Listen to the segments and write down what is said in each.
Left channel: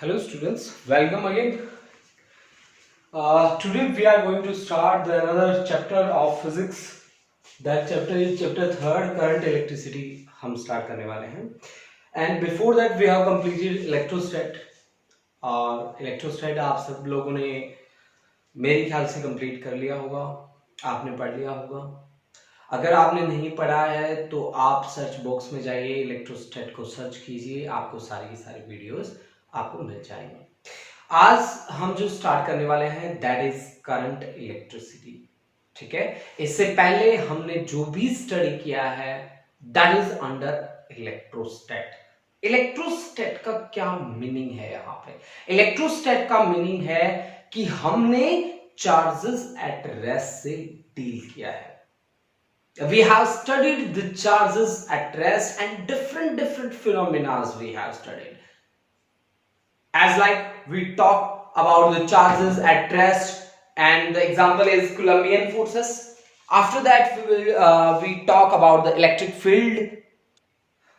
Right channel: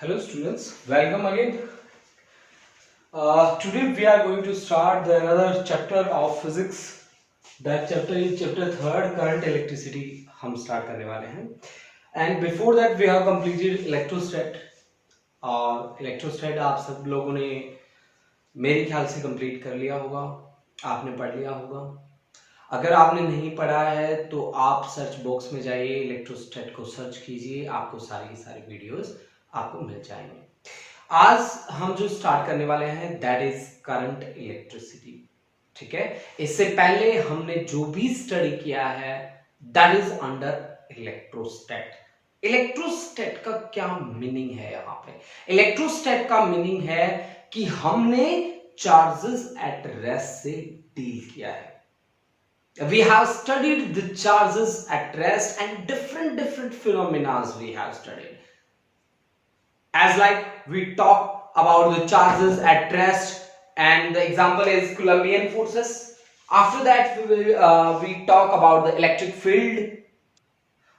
Hello students, welcome again. Today we are going to start another chapter of physics. That chapter is chapter 3rd, current electricity. हम start करने वाले हैं. And before that we have completed electrostat. और electrostat आप सब लोगों ने मेरे ख्याल से complete कर लिया होगा, आपने पढ़ लिया होगा. अगर आपने नहीं पढ़ा है तो आप सर्च बॉक्स में जाइए, इलेक्ट्रोस्टैट को सर्च कीजिए, आपको सारी की सारी वीडियोस आपको मिल जाएंगे. आज हम जो स्टार्ट करने वाले हैं दैट इज करंट इलेक्ट्रिसिटी. ठीक है, इससे पहले हमने जो भी स्टडी किया है दैट इज अंडर इलेक्ट्रोस्टैट. इलेक्ट्रोस्टैट का क्या मीनिंग है? यहाँ पे इलेक्ट्रोस्टैट का मीनिंग है कि हमने चार्जेस एट रेस्ट से डील किया है. We have studied the charges at rest and different phenomena we have studied. As like we talk about the charges at rest, and the example is Coulombian forces. After that we talk about the electric field.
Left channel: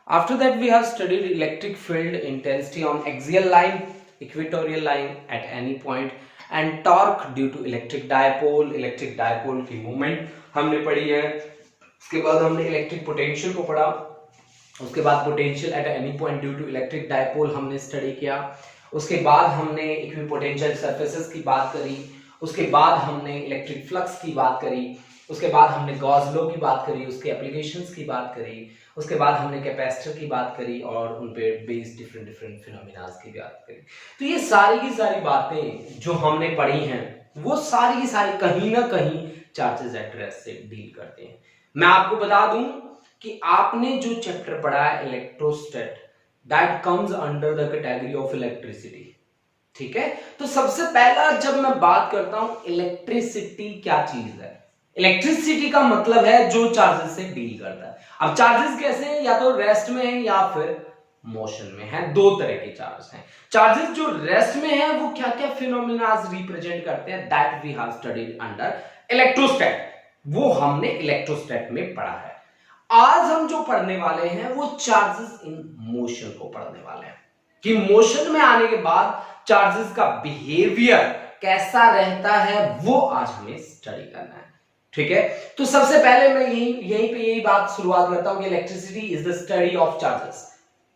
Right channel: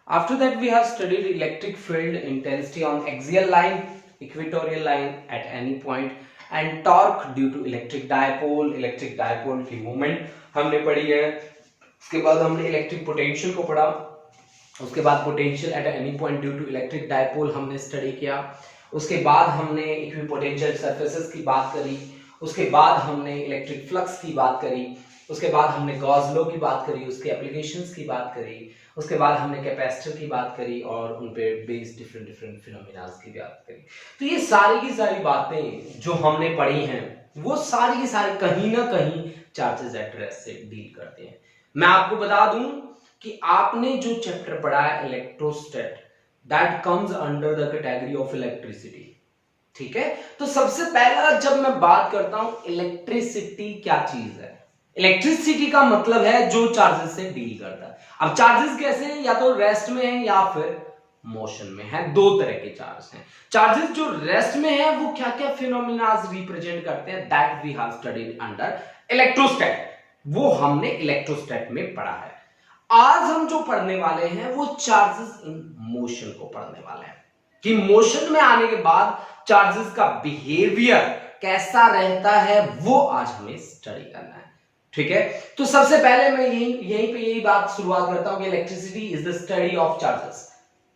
After that we have studied electric field intensity on axial line, equatorial line at any point, and torque due to electric dipole. Electric dipole की movement हमने पढ़ी है. उसके बाद हमने electric potential को पढ़ा. उसके बाद potential at any point due to electric dipole हमने स्टडी किया. उसके बाद हमने इक्विपोटेंशियल सरफेसेस की बात करी. उसके बाद हमने इलेक्ट्रिक फ्लक्स की बात करी. उसके बाद हमने गॉस लॉ की बात करी, उसके एप्लीकेशंस की बात करी. उसके बाद हमने कैपेसिटर की बात करी और उन पे बेस्ड डिफरेंट फिनोमेना की बात करी. तो ये सारी की सारी बातें जो हमने पढ़ी हैं वो सारी की सारी कहीं ना कहीं चार्जेस एट रेस्ट से डील करते हैं. मैं आपको बता दूं कि आपने जो चैप्टर पढ़ा है electrostatics that comes under the category of electricity. ठीक है, तो सबसे पहला जब मैं बात करता हूं इलेक्ट्रिसिटी क्या चीज है, इलेक्ट्रिसिटी का मतलब है जो चार्जेस से डील करता है. अब चार्जेस कैसे हैं? या तो रेस्ट में है या फिर मोशन में है. दो तरह के चार्ज हैं. चार्जेस जो रेस्ट में है वो क्या क्या फिनोमेनास रिप्रेजेंट करते हैं that we have studied under electrostatics. वो हमने इलेक्ट्रोस्टैट में पढ़ा है. आज हम जो पढ़ने वाले हैं वो चार्जेस इन मोशन को पढ़ने वाले हैं कि मोशन में आने के बाद चार्जेस का बिहेवियर कैसा रहता है वो आज हमें स्टडी करना है. ठीक है, तो सबसे पहले मैं यहीं पे यही बात शुरुआत करता हूं कि electricity is the study of charges.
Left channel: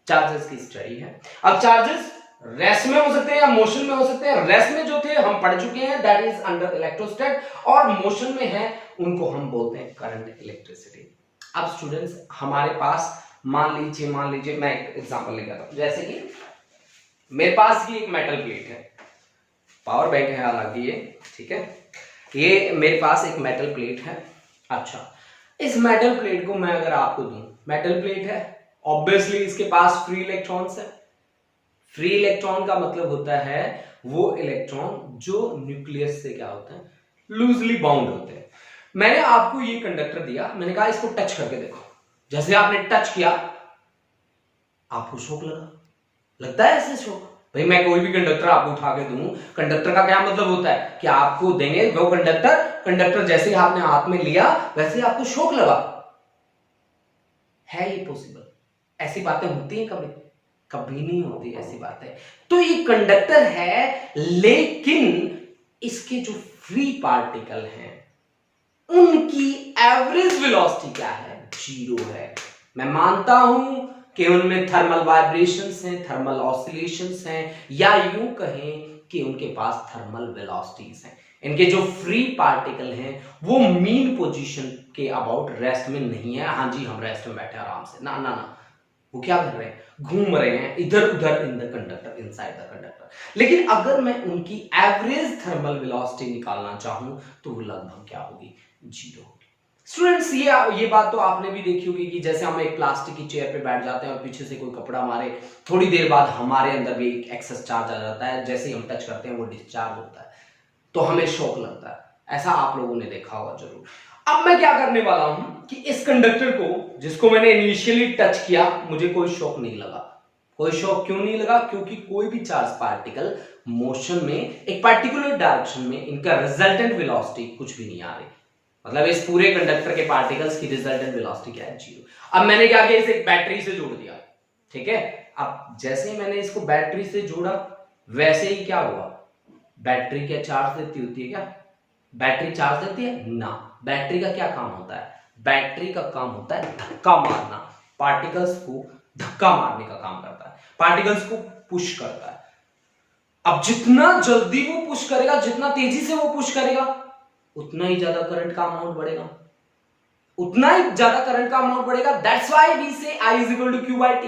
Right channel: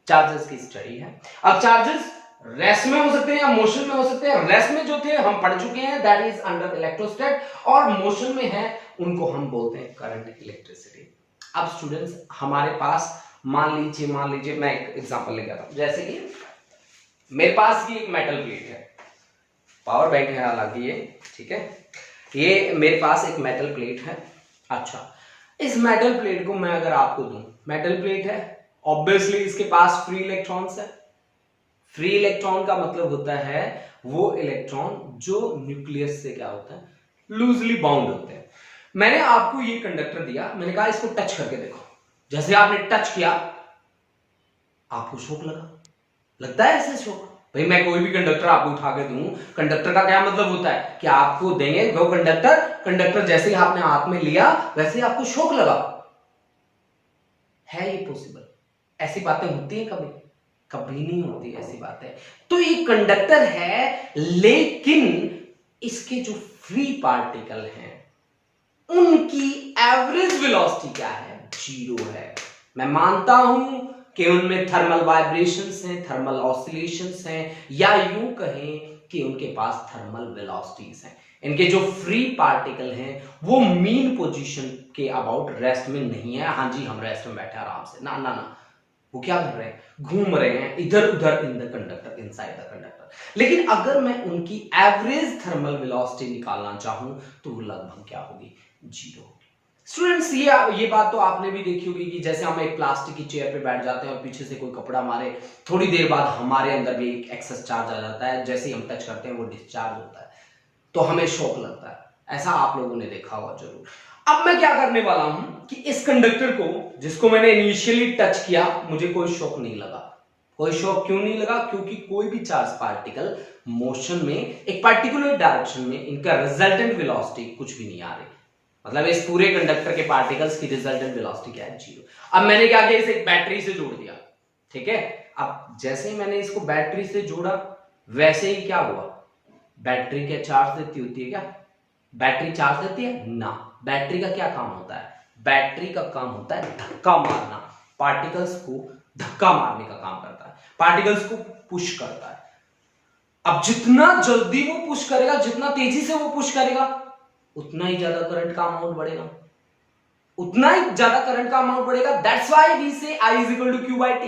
Charges की स्टडी है. अब चार्जेस रेस्ट में हो सकते हैं या मोशन में हो सकते हैं. रेस्ट में जो थे हम पढ़ चुके हैं दैट इज अंडर इलेक्ट्रोस्टैट, और मोशन में है उनको हम बोलते हैं करंट इलेक्ट्रिसिटी. अब स्टूडेंट्स हमारे पास मान लीजिए मैं एक एग्जांपल लेकर आता हूं. जैसे कि मेरे पास ये एक मेटल प्लेट है, पावर बैंक है हालांकि ये. ठीक है, ये मेरे पास एक मेटल प्लेट है. अच्छा, इस मेटल प्लेट को मैं अगर आपको दूं, मेटल प्लेट है, ऑब्वियसली इसके पास फ्री इलेक्ट्रॉन्स है. फ्री इलेक्ट्रॉन का मतलब होता है वो इलेक्ट्रॉन जो न्यूक्लियस से क्या होता है, लूजली बाउंड होते हैं. मैंने आपको ये कंडक्टर दिया, मैंने कहा इसको टच करके देखो. जैसे आपने टच किया आपको शॉक लगता है ऐसे शॉक. भाई मैं कोई भी कंडक्टर आपको उठा के दूं, कंडक्टर का क्या मतलब होता है कि आपको देंगे वो कंडक्टर जैसे ही आपने हाथ में लिया वैसे ही आपको शॉक लगा. है ये पॉसिबल? ऐसी बातें होती हैं कभी नहीं होती ऐसी बातें. तो ये कंडक्टर है, लेकिन इसके जो फ्री पार्टिकल हैं उनकी एवरेज वेलोसिटी क्या है? 0 है. मैं मानता हूं कि उनमें थर्मल वाइब्रेशंस हैं, थर्मल ऑसिलेशंस हैं, या यूं कहें कि उनके पास थर्मल वेलोसिटीज हैं. इनके जो फ्री पार्टिकल हैं वो मीन पोजीशन के अबाउट रेस्ट में नहीं है. हाँ जी, हम रेस्ट में बैठे आराम से, ना वो क्या कर रहे हैं, घूम रहे हैं इधर उधर in the conductor, inside the conductor. लेकिन अगर मैं उनकी एवरेज थर्मल वेलोसिटी निकालना चाहूं तो वो लगभग क्या होगी? 0 होगी. स्टूडेंट्स ये बात तो आपने भी देखी होगी कि जैसे हम एक प्लास्टिक की चेयर पे बैठ जाते हैं और पीछे से कोई कपड़ा मारे, थोड़ी देर बाद हमारे अंदर भी एक एक्सेस चार्ज आ जाता है. जैसे ही हम टच करते हैं वो डिस्चार्ज होता है तो हमें शॉक लगता है. ऐसा आप लोगों ने देखा होगा जरूर. अब मैं क्या करने वाला हूं कि इस कंडक्टर को, जिसको मैंने इनिशियली टच किया, मुझे कोई शॉक नहीं लगा. कोई शॉक क्यों नहीं लगा? क्योंकि कोई भी चार्ज पार्टिकल मोशन में एक पर्टिकुलर डायरेक्शन में इनका रिजल्टेंट वेलोसिटी कुछ भी नहीं आ रही. मतलब इस पूरे कंडक्टर के पार्टिकल्स की रिजल्टेंट वेलोसिटी क्या है? 0. अब मैंने क्या किया, इसे एक बैटरी से जोड़ दिया. ठीक है, अब जैसे ही मैंने इसको बैटरी से जोड़ा वैसे ही क्या हुआ, बैटरी क्या चार्ज देती होती है क्या? बैटरी चार्ज देती है ना। बैटरी का क्या काम होता है? बैटरी का काम होता है धक्का मारना, पार्टिकल्स को धक्का मारने का काम करता है, पार्टिकल्स को पुश करता है। अब जितना जल्दी वो पुश करेगा, जितना तेजी से वो पुश करेगा, उतना ही ज्यादा करंट का अमाउंट बढ़ेगा, उतना ही ज्यादा करंट का अमाउंट बढ़ेगा। That's why we say I is equal to q by t.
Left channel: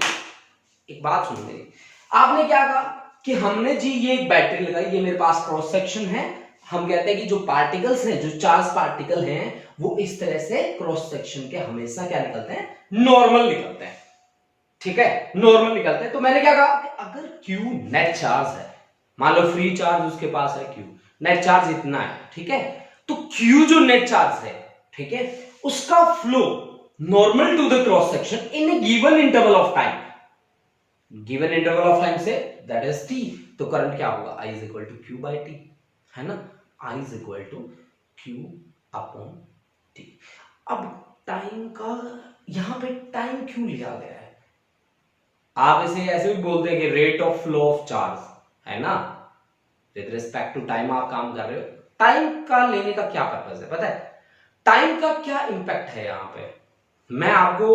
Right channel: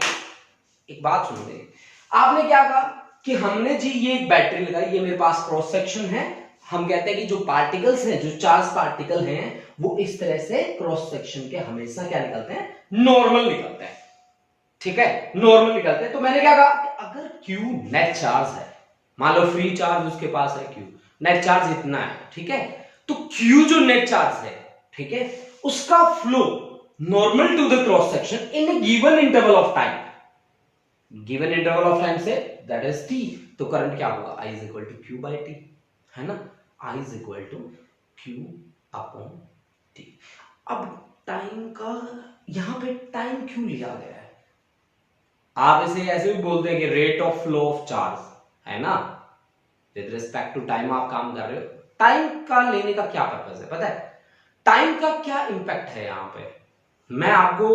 एक बात सुन लीजिए, आपने क्या कहा कि हमने जी ये एक बैटरी लगाई, ये मेरे पास क्रॉस सेक्शन है, हम कहते हैं कि जो पार्टिकल्स हैं, जो चार्ज पार्टिकल हैं, वो इस तरह से क्रॉस सेक्शन के हमेशा क्या निकलते हैं? नॉर्मल निकलते हैं, ठीक है, नॉर्मल निकलते हैं। तो मैंने क्या कहा कि अगर Q नेट चार्ज है, मान लो फ्री चार्ज उसके पास है, Q नेट चार्ज इतना है, ठीक है, तो Q जो नेट चार्ज है, ठीक है, उसका flow normal to the cross section in a given interval of time, given interval of time say that is t, तो करंट क्या होगा? I is equal to q by t, है ना, I is equal to q upon t. अब time का यहां पे time क्यों लिया गया है? आप इसे ऐसे भी बोलते हैं कि rate of flow of charge, है ना, विद रिस्पेक्ट टू टाइम आप काम कर रहे हो। टाइम का लेने का क्या पर्पज है पता है? टाइम का क्या इंपैक्ट है यहां पे, मैं आपको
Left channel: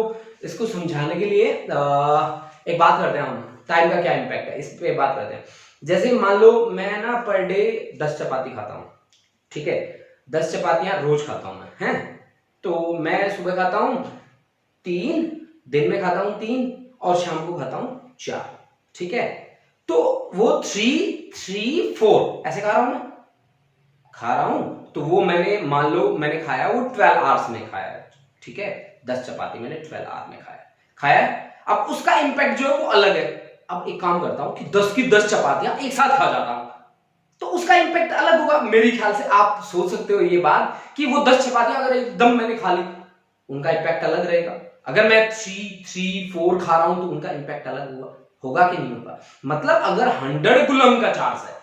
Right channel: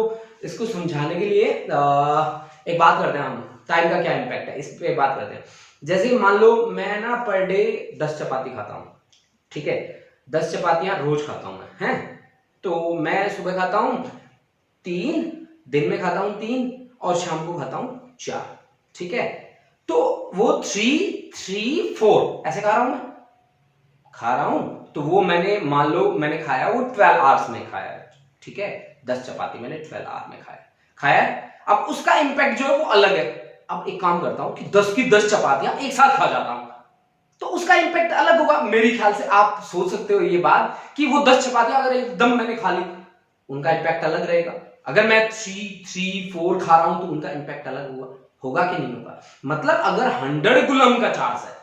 इसको समझाने के लिए एक बात करते हैं हम, टाइम का क्या इंपैक्ट है इस पे बात करते हैं। जैसे मान लो मैं ना पर डे 10 चपाती खाता हूं, ठीक है, 10 चपातियां रोज खाता हूं मैं, हैं, तो मैं सुबह खाता हूं 3, दिन में खाता हूं 3 और शाम को खाता हूं 4, ठीक है, तो वो 3, 3, 4 ऐसे खा रहा हूं, मैं खा रहा हूं, तो वो मैंने मान लो मैंने खाया वो 12 आवर्स में खाया है, ठीक है, 10 चपाती मैंने 12 आवर में खाया है। अब उसका इंपैक्ट जो है वो अलग है। अब एक काम करता हूं कि 10 की 10 चपातियां एक साथ खा जाता हूं, तो उसका इंपैक्ट अलग होगा मेरे ख्याल से। आप सोच सकते हो ये बात कि वो 10 चपातियां अगर एकदम मैंने खा ली, उनका इंपैक्ट अलग रहेगा। अगर मैं 3, 3, 4 खा रहा हूं तो उनका इंपैक्ट अलग होगा कि नहीं होगा? मतलब अगर 100 कूलम का चार्ज है,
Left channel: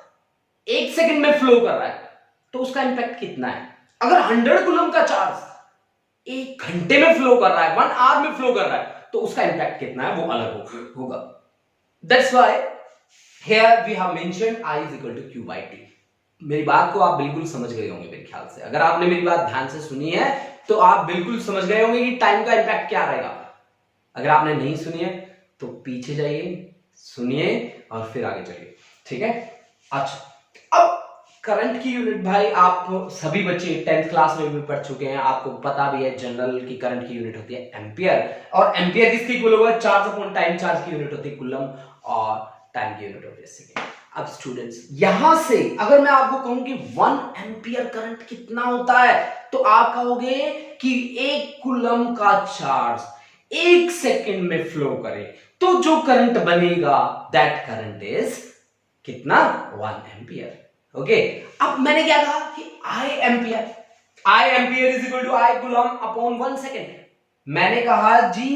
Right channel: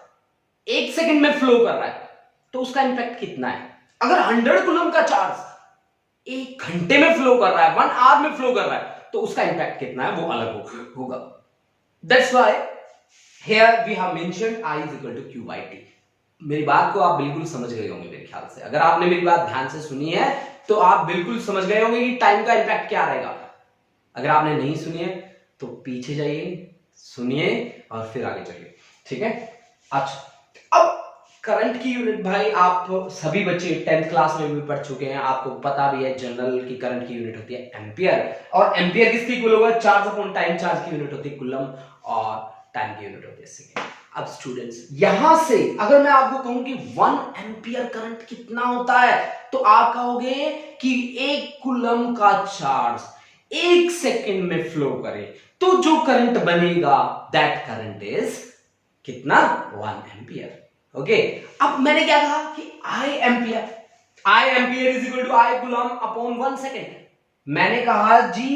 1 सेकंड में फ्लो कर रहा है, तो उसका इंपैक्ट कितना है? अगर 100 कूलम का चार्ज 1 घंटे में फ्लो कर रहा है, 1 आवर में फ्लो कर रहा है, तो उसका इंपैक्ट कितना है वो अलग होगा। That's why here we have mentioned I is equal to q by t. मेरी बात को आप बिल्कुल समझ गए होंगे मेरे ख्याल से। अगर आपने मेरी बात ध्यान से सुनी है तो आप बिल्कुल समझ गए होंगे कि टाइम का इंपैक्ट क्या रहेगा। अगर आपने नहीं सुनी है तो पीछे जाइए, सुनिए और फिर आगे चलिए, ठीक है। अच्छा, अब करंट की यूनिट भाई आप सभी बच्चे 10th क्लास में भी पढ़ चुके हैं, आपको पता भी है जनरल की करंट की यूनिट होती है एम्पियर, और एम्पियर किसकी इक्वल होगा? चार्ज अपॉन टाइम चार्ज की यूनिट होती है कूलम, और टाइम की यूनिट होती है सेकंड। अब स्टूडेंट्स यहां से अगर मैं आपको कहूं कि 1 एम्पियर करंट कितना होता है, तो आप कहोगे कि 1 कूलम का चार्ज 1 सेकंड में फ्लो करे, तो जो करंट बनेगा दैट करंट इज कितना? 1 एम्पियर। ओके, अब मैंने क्या कहा कि I ampere is equal to I coulomb upon 1 second. मैंने कहा जी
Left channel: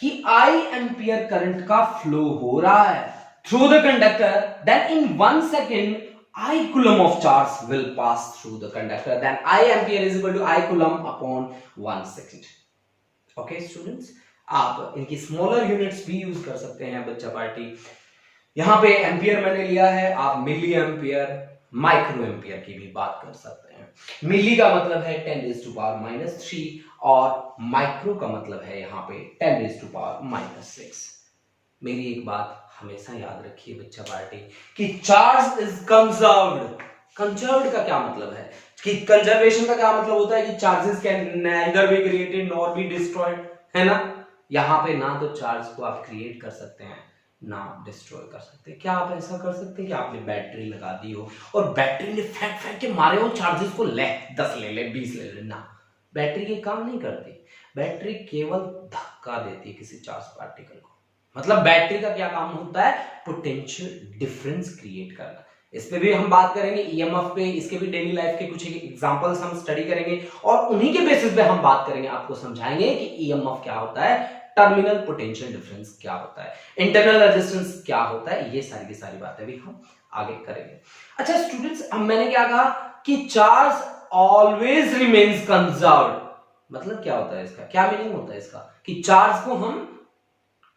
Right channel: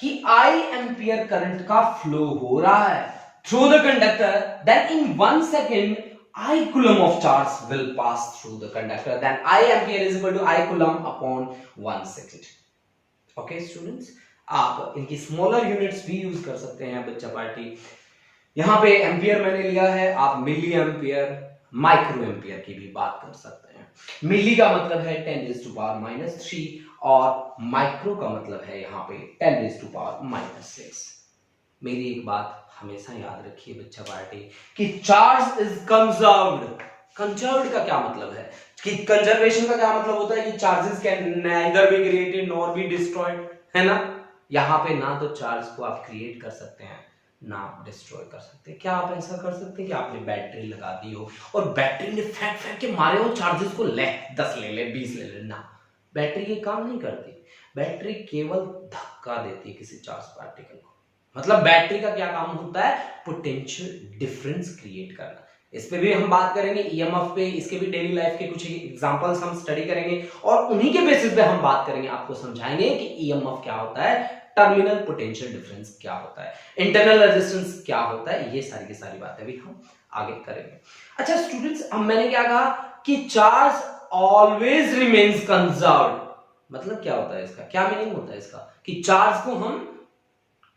कि I एम्पियर करंट का फ्लो हो रहा है through the conductor, then in 1 second I coulomb of charge will pass through the conductor, then I ampere is equal to I coulomb upon 1 second. Okay students, आप इनकी smaller units भी use कर सकते हैं बच्चा पार्टी। यहां पे ampere मैंने लिया है, आप मिली एम्पियर, माइक्रो एम्पियर की भी बात कर सकते हैं। मिली का मतलब है 10⁻³ और माइक्रो का मतलब है यहाँ पे 10⁻⁻6। मेरी एक बात हमेशा याद रखिए बच्चा पार्टी कि चार्ज इज कंजर्व्ड। कंजर्व्ड का क्या मतलब है कि कंजर्वेशन का क्या मतलब होता है कि charges can neither be created nor be destroyed, है ना। यहाँ पे ना तो चार्ज को आप क्रिएट कर सकते हैं ना डिस्ट्रॉय कर सकते हैं। क्या आप ऐसा कर सकते हैं कि आपने बैटरी लगा दी हो और बैटरी ने फेंक फेंक के मारे हो चार्जेस को, ले 10 ले ले 20 ले ले, ना, बैटरी ये काम नहीं करती। बैटरी केवल धक्का देती है किसी चार्ज पार्टिकल को। मतलब बैटरी का क्या काम होता है? पोटेंशियल डिफरेंस क्रिएट करना। इस पे भी हम बात करेंगे, ईएमएफ पे, इसके भी डेली लाइफ के कुछ एग्जांपल्स हम स्टडी करेंगे और उन्हीं के बेसिस पे हम बात करेंगे, आपको समझाएंगे कि ईएमएफ क्या होता है, टर्मिनल पोटेंशियल डिफरेंस क्या होता है, इंटरनल रेजिस्टेंस क्या होता है, ये सारी की सारी बातें भी हम आगे करेंगे। अच्छा स्टूडेंट्स, अब मैंने क्या कहा कि चार्ज ऑलवेज रिमेन्स कंजर्व्ड। मतलब क्या होता है इसका, क्या मीनिंग होता है इसका कि चार्ज को हम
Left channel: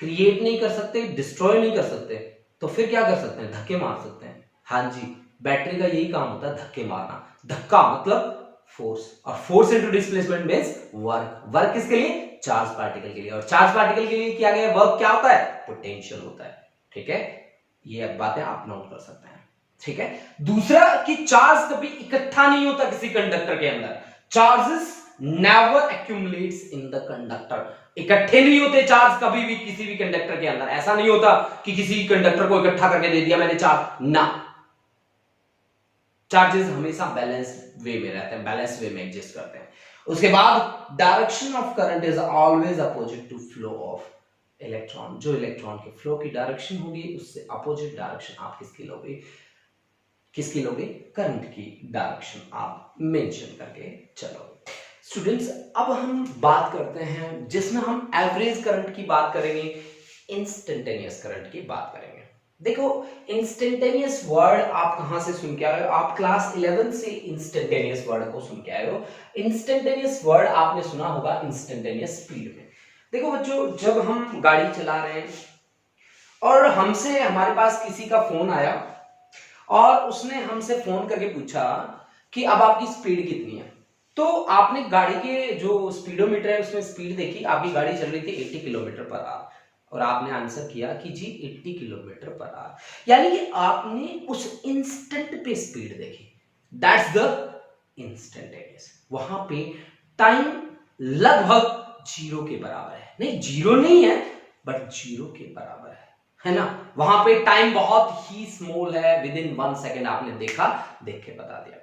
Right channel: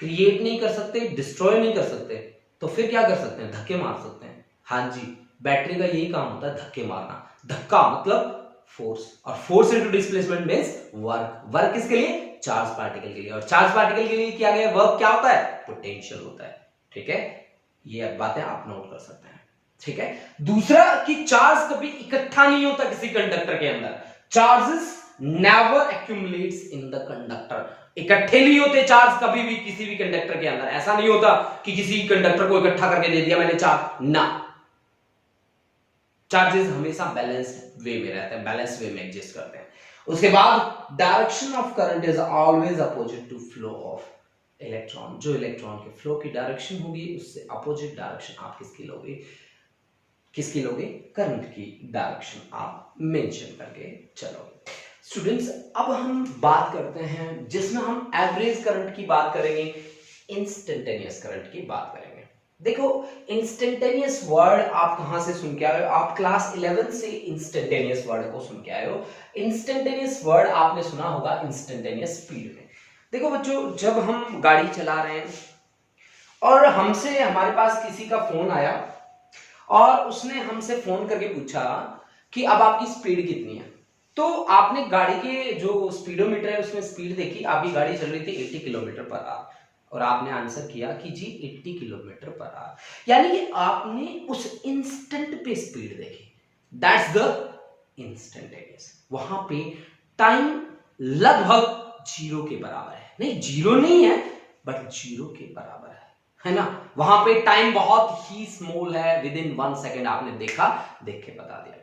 क्रिएट नहीं कर सकते, डिस्ट्रॉय नहीं कर सकते, तो फिर क्या कर सकते हैं? धक्के मार सकते हैं। हाँ जी, बैटरी का यही काम होता है, धक्के मारना। धक्का मतलब फोर्स, और force into displacement means work. Work किसके लिए? चार्ज पार्टिकल के लिए। और चार्ज पार्टिकल के लिए किया गया वर्क क्या होता है? पोटेंशियल होता है। ठीक है, ये अब बातें आप नोट कर सकते हैं। ठीक है, दूसरा कि चार्ज कभी इकट्ठा नहीं होता किसी कंडक्टर के अंदर। Charges never accumulates in the conductor. इकट्ठे नहीं होते चार्ज कभी भी किसी भी कंडक्टर के अंदर। ऐसा नहीं होता कि किसी कंडक्टर को इकट्ठा करके दे दिया मैंने चार्ज, ना। चार्जेस हमेशा बैलेंस वे में रहते हैं, बैलेंस वे में एग्जिस्ट करते हैं। उसके बाद direction of current is always opposite to flow of electron. जो इलेक्ट्रॉन के फ्लो की डायरेक्शन होगी उससे अपोजिट डायरेक्शन आप किसकी लोगे? किसकी लोगे? करंट की डायरेक्शन आप मेंशन करके चलोगे। स्टूडेंट्स, अब हम बात करते हैं जिसमें हम एवरेज करंट की बात करेंगे, इंस्टेंटेनियस करंट की बात करेंगे। देखो, इंस्टेंटेनियस वर्ड आप कहां से सुन के आए हो? आप क्लास 11 से इंस्टेंटेनियस वर्ड को सुन के आए हो। इंस्टेंटेनियस वर्ड आपने सुना होगा इंस्टेंटेनियस स्पीड में। देखो बच्चों, जब हम गाड़ी चला रहे हैं और हमसे हमारे पास किसी का फोन आया और उसने हमसे फोन करके पूछा कि अब आपकी स्पीड कितनी है, तो आपने गाड़ी के जो स्पीडोमीटर है उसमें स्पीड देखी, आपकी गाड़ी चल रही थी 80 किलोमीटर पर आवर, और आपने आंसर किया कि जी 80 किलोमीटर पर आवर। यानी कि आपने उस इंस्टेंट पे स्पीड देखी। That's the instantaneous. वहां पे टाइम लगभग जीरो के बराबर है। नहीं, जीरो नहीं है, बट जीरो के बराबर है ना। वहां पे टाइम बहुत ही स्मॉल है, विद इन 1 सेकेंड आपने देखा, देख के बता दिया।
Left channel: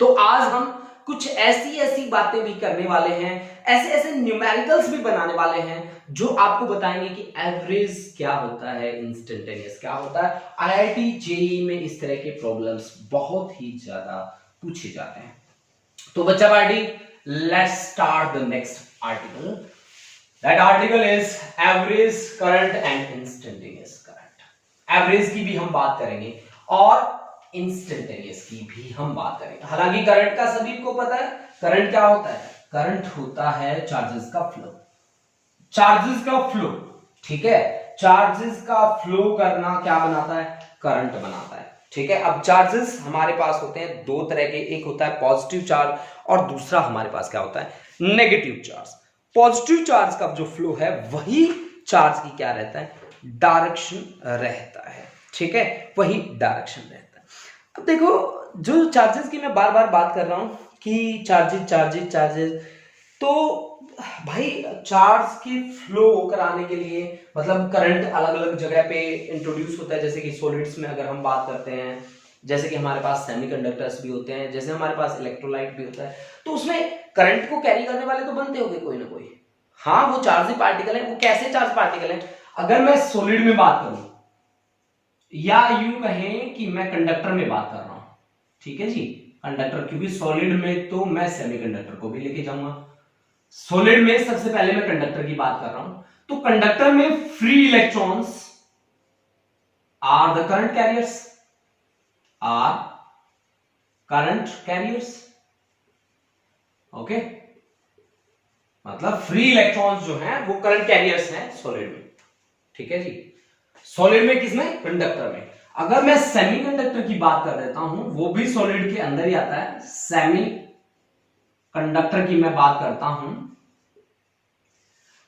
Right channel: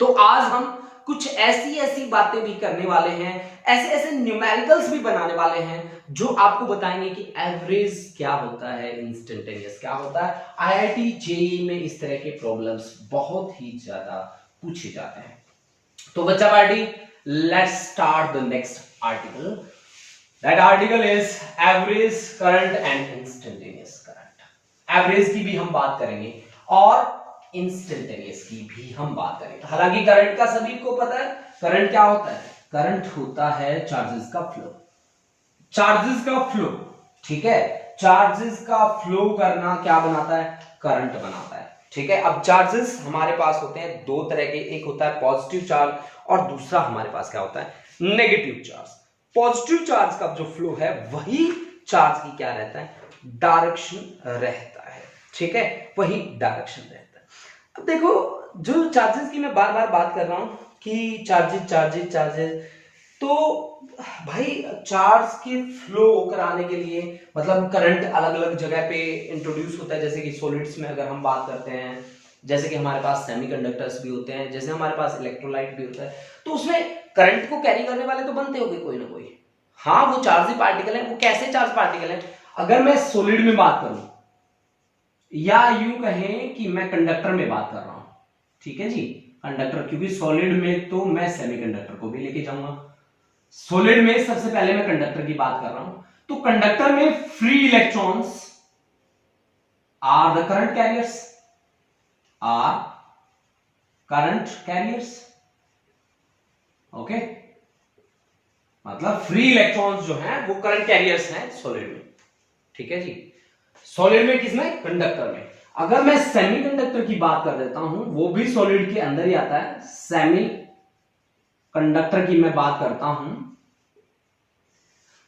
तो आज हम कुछ ऐसी ऐसी बातें भी करने वाले हैं, ऐसे ऐसे न्यूमेरिकल्स भी बनाने वाले हैं जो आपको बताएंगे कि एवरेज क्या होता है, इंस्टेंटेनियस क्या होता है। आईआईटी जेईई में इस तरह के प्रॉब्लम्स बहुत ही ज्यादा पूछे जाते हैं। तो बच्चा party, let's start the next article. That article is average current and instantaneous current. Average की भी हम बात करेंगे और इंस्टेंटेनियस की भी हम बात करेंगे। हालांकि करंट का सभी को पता है, करंट क्या होता है? करंट होता है चार्जेस का फ्लो। चार्जेस का फ्लो, ठीक है, चार्जेस का फ्लो करना क्या बनाता है? करंट बनाता है। ठीक है, अब चार्जेस हमारे पास होते हैं दो तरह के, एक होता है पॉजिटिव चार्ज और दूसरा हमारे पास क्या होता है? Negative charge. पॉजिटिव चार्ज का जो फ्लो है वही चार्ज की क्या रहता है? डायरेक्शन रहता है। ठीक है, वही डायरेक्शन रहता है। अब देखो, जो चार्जेस की मैं बार बार बात कर रहा हूं कि चार्जेस चार्जेस चार्जेस, तो भाई चार्ज के फ्लो कराने के लिए मतलब करंट अलग अलग जगह पे इंट्रोड्यूस होता है। जैसे कि सॉलिड्स में अगर हम बात करते हैं, जैसे कि हमारे पास सेमीकंडक्टर्स भी होते हैं, जैसे हमारे पास इलेक्ट्रोलाइट भी होता है, तो उसमें करंट को कैरी करने वाले तो बनते होंगे कोई ना कोई। हाँ, वो चार्ज ही पार्टिकल है। वो कैसे चार्ज पार्टिकल है? अगर मैं सॉलिड में बात करूं या यूं कहें कि मैं कंडक्टर में बात कर रहा हूं, ठीक है जी, कंडक्टर, क्योंकि सॉलिड में तो मैं सेमीकंडक्टर को भी लेके जाऊंगा। सॉलिड में सबसे पहले मैं कंडक्टर की बात कर रहा हूं, तो कंडक्टर में free electrons are the current carriers, are current carriers. Okay, मतलब फ्री इलेक्ट्रॉन्स जो हैं वो करंट कैरियर्स हैं सॉलिड में। ठीक है जी, सॉलिड में, किसमें? कंडक्टर में। अगर मैं सेमीकंडक्टर की बात कर देता हूं, वो भी सॉलिड के अंदर ही आता है। सेमी कंडक्टर की मैं बात करता हूं,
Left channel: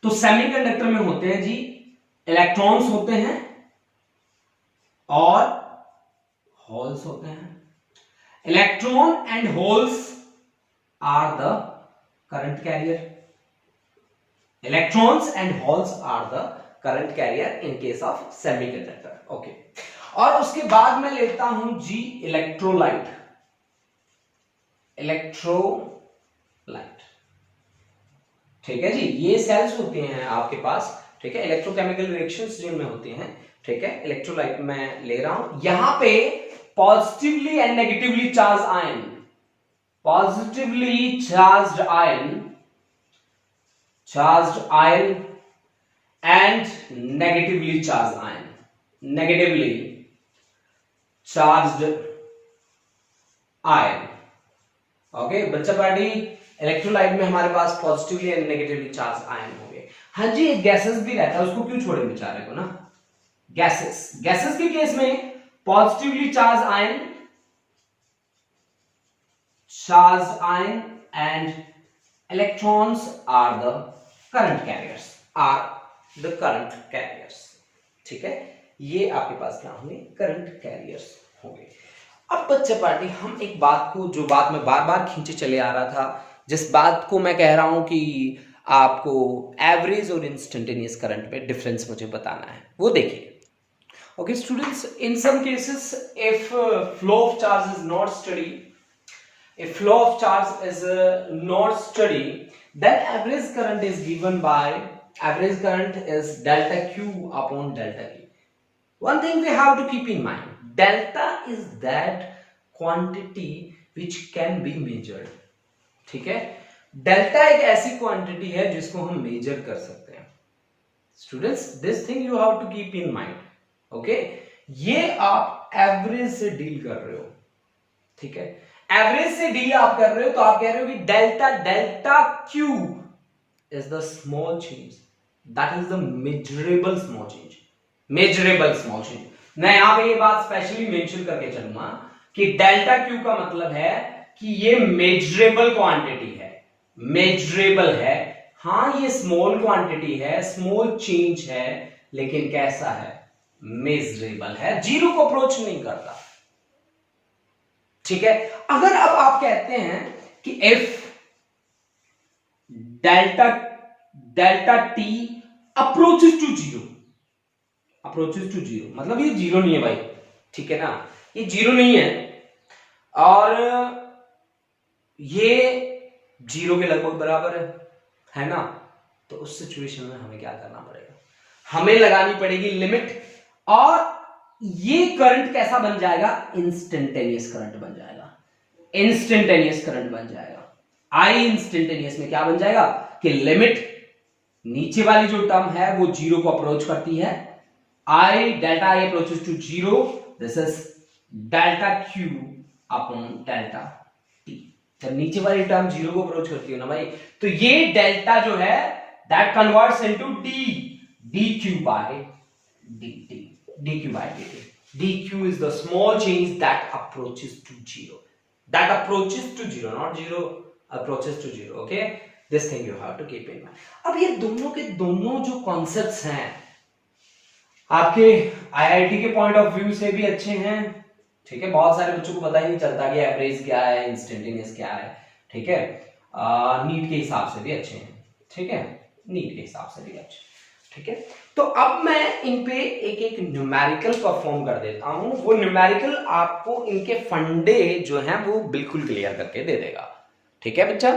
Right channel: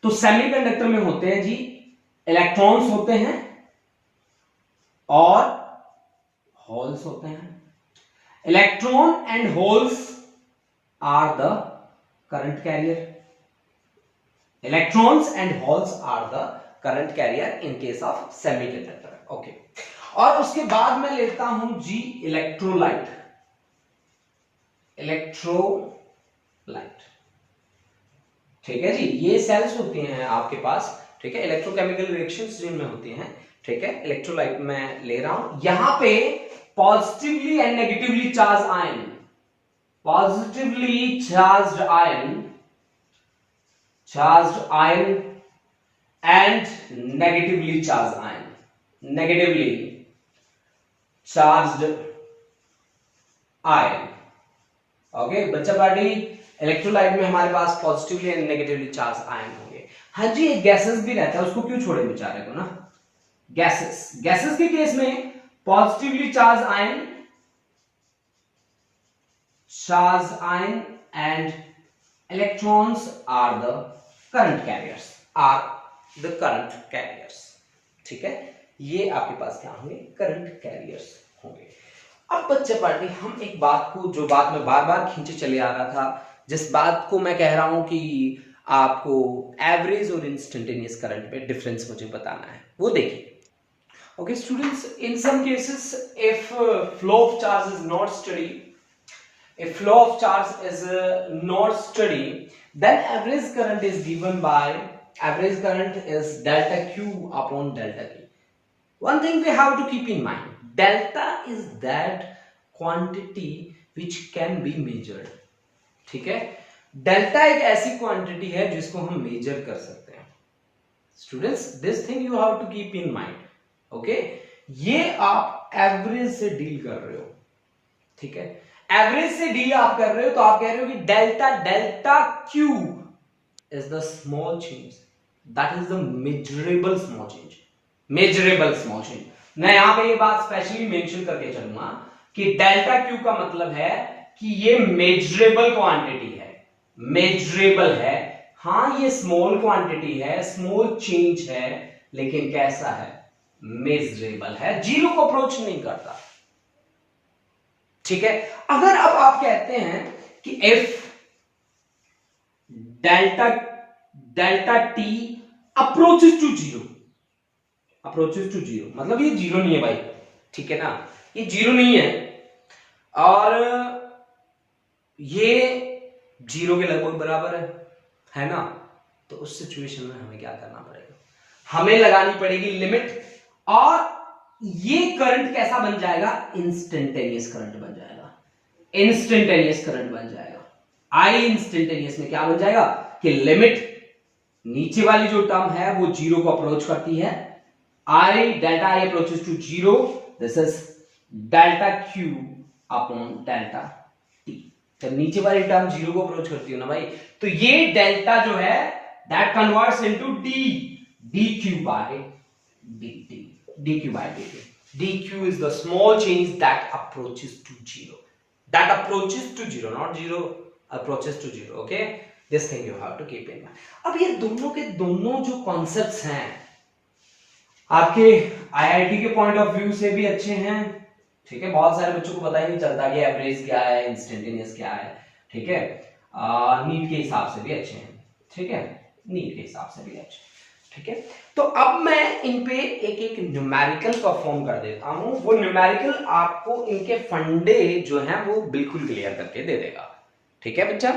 तो सेमीकंडक्टर में होते हैं जी इलेक्ट्रॉन्स होते हैं और होल्स होते हैं। Electron and holes are the current carrier. Electrons and holes are the current carrier in case of semiconductor. Okay, और उसके बाद मैं लेता हूं जी इलेक्ट्रोलाइट। इलेक्ट्रोलाइट, ठीक है जी, ये सेल्स होते हैं आपके पास। ठीक है, इलेक्ट्रोकेमिकल रिएक्शंस जिनमें होती हैं। ठीक है, इलेक्ट्रोलाइट मैं ले रहा हूं। यहां पे positively and negatively charge ion, positively charged ion, charged ion and negatively charged ion, negatively charged ion। Okay बच्चा पार्टी, इलेक्ट्रोलाइट में हमारे पास positively and negatively charge ion होंगे। हाँ जी, गैसेस भी रहता है, उसको क्यों छोड़े बेचारे को ना। गैसेस, गैसेस के केस में Positively charged ion and electrons are the current carriers, ठीक है। ये आपके पास क्या होंगे, करंट कैरियर्स होंगे। अब बच्चे पार्टी हम एक बात को, जो बात मैं बार बार खींचे चले आ रहा था, जिस बात को मैं कह रहा हूं कि आपको एवरेज और इंस्टेंटेनियस करंट में डिफरेंस मुझे बताना है, वो देखिए। Okay students, in some cases if flow of charge is not steady, then average current is given by, average current is delta q upon delta k. One thing we have to keep in mind, delta is that quantity which can be measured, ठीक है। Delta एक ऐसी quantity है जिसको हम major कर सकते हैं। Students, this thing you have to keep in mind, okay. ये आप एवरेज से डील कर रहे हो, ठीक है। एवरेज से डील आप कर रहे हो तो आप कह रहे हो कि delta Q is the small change, that is the measurable small change. मैं यहां पे ये बात स्पेशली मेंशन करके चलूंगा कि डेल्टा क्यू का मतलब है कि ये मेजरेबल क्वांटिटी है, मेजरेबल है। हाँ, ये स्मॉल क्वांटिटी है, स्मॉल चेंज है, लेकिन कैसा है, मेजरेबल है, जीरो को अप्रोच नहीं करता, ठीक है। अगर अब आप कहते हैं कि if delta t approaches to zero, मतलब ये जीरो नहीं है भाई, ठीक है ना, ये जीरो नहीं है और ये जीरो के लगभग बराबर है ना। तो उस सिचुएशन में हमें क्या करना पड़ेगा, हमें लगानी पड़ेगी लिमिट, और ये करंट कैसा बन जाएगा, इंस्टेंटेनियस करंट बन जाएगा। आई इंस्टेंटेनियस में क्या बन जाएगा कि लिमिट, नीचे वाली जो टर्म है वो जीरो को अप्रोच करती है, delta I approaches to zero, this is delta q upon delta t. जब नीचे वाली टर्म जीरो को अप्रोच करती है ना भाई, तो ये डेल्टा जो है that converts into dq by dt। dq is the small change that approaches to zero, not zero, approaches to zero, okay। this thing you have to keep in mind। अब ये दोनों के दोनों जो कॉन्सेप्ट्स हैं आपके आईआईटी के point of view से भी अच्छे हैं, ठीक है। बहुत सारे बच्चों को पता ही नहीं चलता कि एवरेज क्या है, इंस्टेंटेनियस क्या है, ठीक है। नीट के हिसाब से भी अच्छे हैं, ठीक है, नीट के हिसाब से भी अच्छे, ठीक है। तो अब मैं इन पे एक न्यूमेरिकल परफॉर्म कर देता हूं, वो न्यूमेरिकल आपको इनके फंडे जो हैं वो बिल्कुल क्लियर करके दे देगा, ठीक है बच्चा।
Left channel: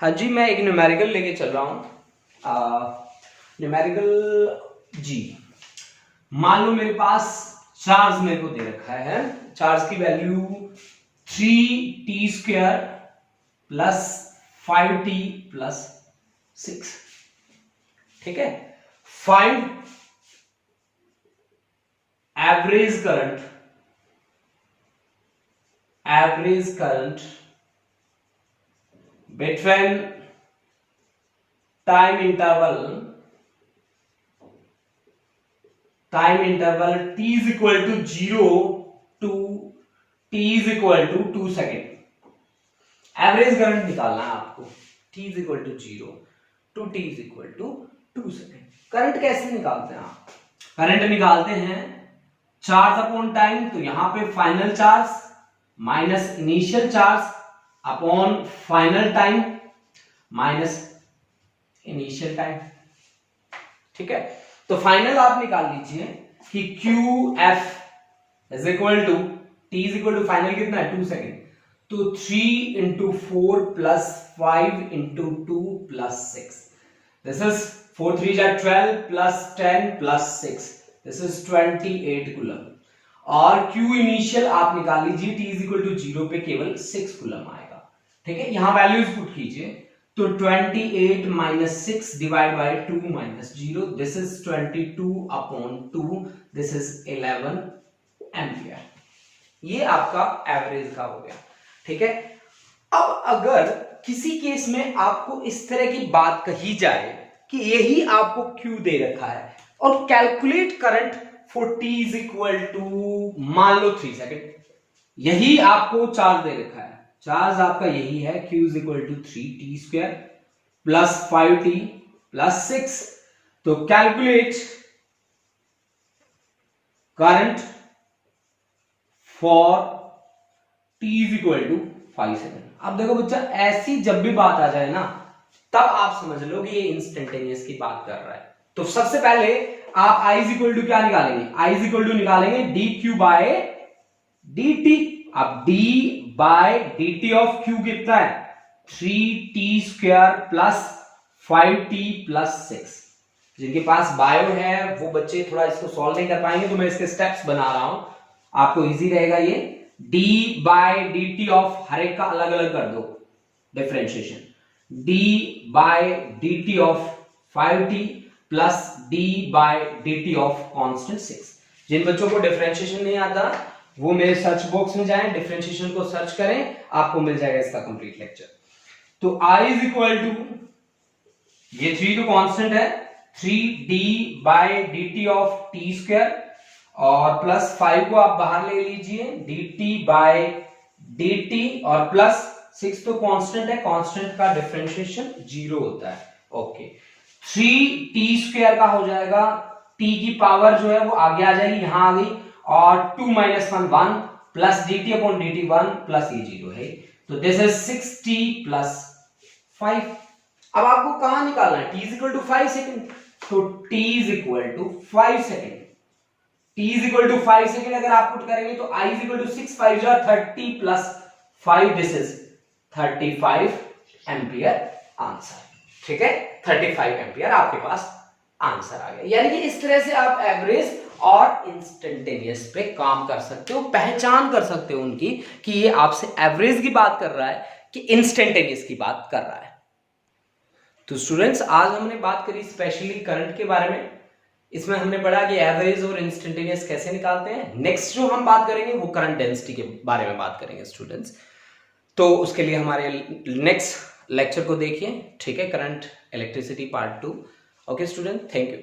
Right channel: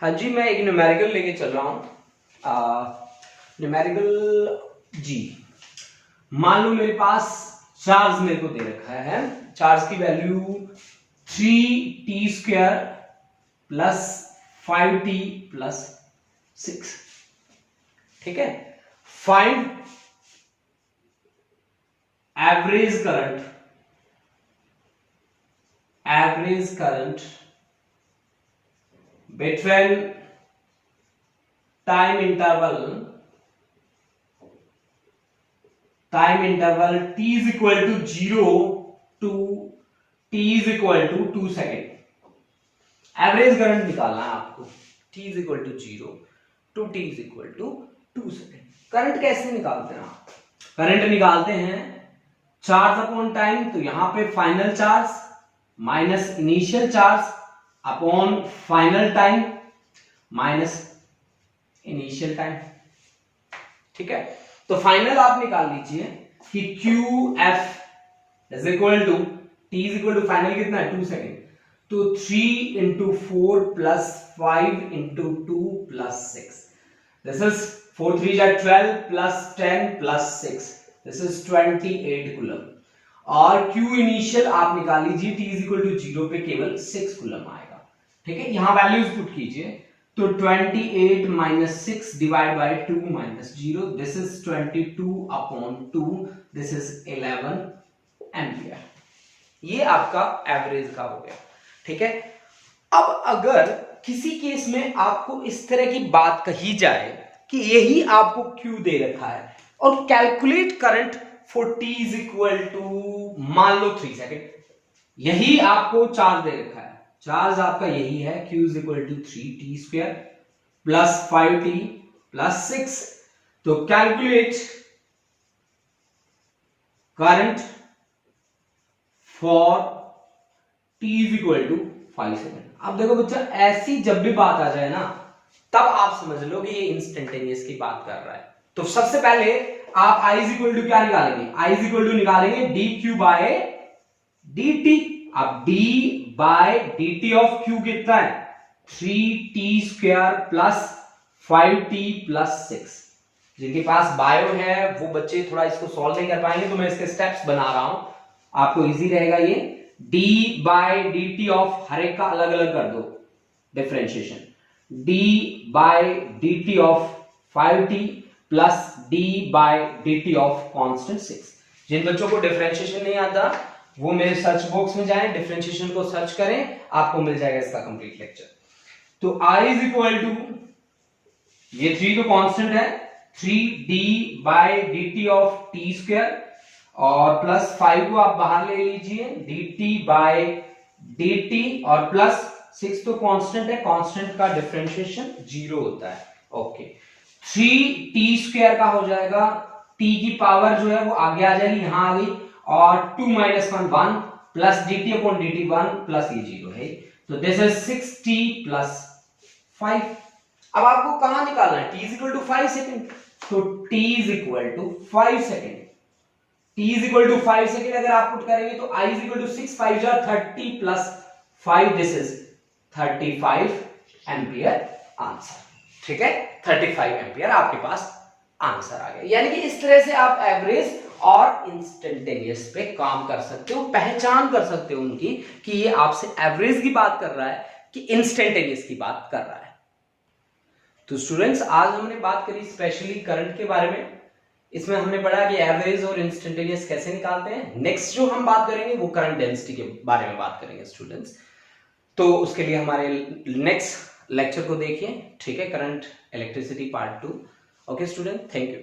हाँ जी, मैं एक न्यूमेरिकल लेके चल रहा हूं। न्यूमेरिकल जी, मान लो मेरे पास चार्ज मेरे को दे रखा है, चार्ज की value 3t² plus 5t plus 6, ठीक है। Find average current between time interval t is equal to 0 to t is equal to 2 second. Average current निकालना है आपको, t is equal to 0 to t is equal to 2 second. Current कैसे निकालते हैं आप, current निकालते हैं चार्ज अपॉन टाइम, तो यहां पे final charge minus initial charge upon final time minus initial time, ठीक है। तो फाइनल आप निकाल लीजिए कि QF is equal to, T is equal to final कितना है 2 सेकेंड, तो 3 into 4 plus 5 into 2 plus 6, this is 4 3s are 12 plus 10 plus 6, this is 28 coulomb. और Q इनिशियल आप निकाल लीजिए, T इज इक्वल टू 0 पे केवल 6 कूलम आएगा, ठीक है। यहां वैल्यूज पुट कीजिए, तो 28 minus 6 divided by 2 minus 0, this is 22 upon 2, this is 11 ampere. ये आपका एवरेज का हो गया, ठीक है। अब अगर किसी केस में आपको इस तरह की बात कही जाए कि यही आपको Q दे रखा है और calculate current for t is equal to मान लो 3 सेकेंड, यही आपको चार्ज दे रखा है, चार्ज आपका यही है, q is equal to 3t² plus 5t plus 6। तो calculate current for t is equal to 5 second. अब देखो बच्चा, ऐसी जब भी बात आ जाए ना, तब आप समझ लो कि ये इंस्टेंटेनियस की बात कर रहा है। तो सबसे पहले आप i इज इक्वल टू क्या निकालेंगे, i इज इक्वल टू निकालेंगे dq बाय dt। अब d by dt of q कितना है, 3t² प्लस 5t प्लस 6। जिनके पास बायो है वो बच्चे थोड़ा इसको सॉल्व नहीं कर पाएंगे, तो मैं इसके स्टेप्स बना रहा हूं, आपको इजी रहेगा ये। d बाय dt ऑफ हर एक का अलग अलग कर दो differentiation, d by dt of 5t plus d by dt of constant 6। जिन बच्चों को डिफरेंशिएशन नहीं आता वो मेरे सर्च बॉक्स में जाएं, डिफरेंशिएशन को सर्च करें, आपको मिल जाएगा इसका कंप्लीट लेक्चर। तो i इज इक्वल टू, ये 3 तो कांस्टेंट है, 3d bye dt of t² और प्लस 5 को आप बाहर ले लीजिए, dt बाय dt और प्लस 6 तो कांस्टेंट है, कांस्टेंट का डिफरेंशिएशन 0 होता है। ओके, 3t² का हो जाएगा, t की पावर जो है वो आगे आ जाएगी, यहां आ गई, और 2 - 1 1 plus dt upon dt 1 plus ये 0 है, तो दिस इज 6t प्लस 5। अब आपको कहां निकालना है, t is equal to 5 second, तो t is equal to 5 second, t is equal to 5 second अगर आप पुट करेंगे तो i इज इक्वल टू 6 5 जा 30 plus 5, this is 35 ampere answer. ठीक है, 35 एम्पियर आपके पास आंसर आ गया। यानी कि इस तरह से आप एवरेज और इंस्टेंटेनियस पे काम कर सकते हो, पहचान कर सकते हो उनकी कि ये आपसे एवरेज की बात कर रहा है कि इंस्टेंटेनियस की बात कर रहा है। तो स्टूडेंट्स, आज हमने बात करी स्पेशली करंट के बारे में, इसमें हमने पढ़ा कि एवरेज और इंस्टेंटेनियस कैसे निकालते हैं। नेक्स्ट जो हम बात करेंगे वो करंट डेंसिटी के बारे में बात करेंगे स्टूडेंट्स। तो उसके लिए हमारे नेक्स्ट लेक्चर को देखिए, ठीक है, current electricity part 2। Okay student, thank you.